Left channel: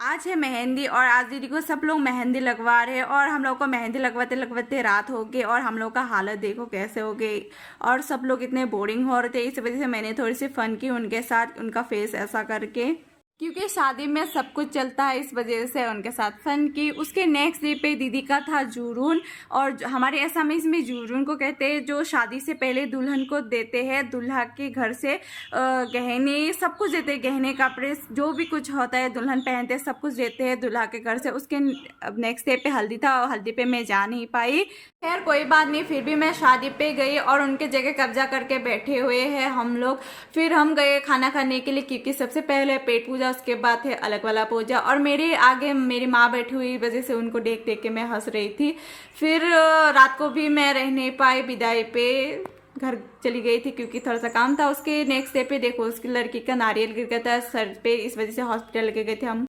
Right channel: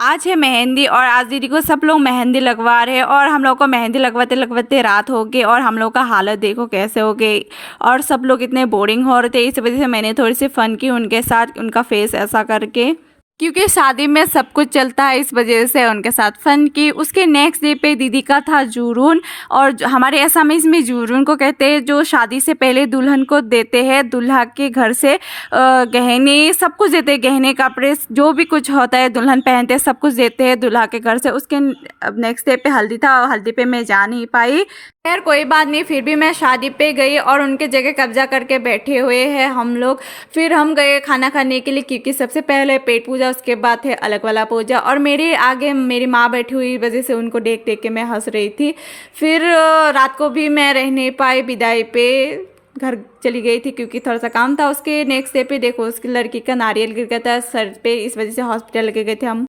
आज है मेहंदी और आज दीदी को सब लोग मेहंदी लगवा रहे हैं और हम लोग को मेहंदी लगवाते लगवाते रात हो गई और हम लोग का हालत देखो कैसे हो गई। और सब लोग इतने बोरिंग हो रहे थे, इस वजह से मैंने थोड़ी सी फन की उनके साथ, उनका फेस ऐसा करके, क्योंकि शादी में सब कुछ चलता है, इस वजह से उनके साथ फन की। उसके नेक्स्ट डे पे दीदी का था जूरून। और हमारे असमीज में जूरून को कहते हैं जो शादी से पहले दुल्हन को देते हैं, दूल्हा के घर से गहने सब कुछ देते हैं, गहने कपड़े जो भी कुछ होता है दुल्हन पहनते हैं सब कुछ देते हैं दूल्हा के घर से। उसके नेक्स्ट डे पे हल्दी था और हल्दी पे मैं जा नहीं पाई। खैर कोई बात नहीं, फिर भी मैं शादी पे गई और उनके जगह कब्जा करके बैठे हुए हैं हम लोग। फिर हम गए खाना खाने के लिए, क्योंकि सबसे पहले पेट पूजा, उसके बाद है अलग वाला पूजा। और मेरे आगे मेरी माँ बैठी हुई वजह से उनको देख देख के मैं हंस रही थी। फिर रात को भी मैं रह नहीं पाई, विदाई पे घर चली गई थी क्योंकि थोड़ा सा काम था। उसके नेक्स्ट डे पे देखो उसकी लड़की का नारियल गिर गया था सर पे, इस वजह से हॉस्पिटल लेके गए थे हम।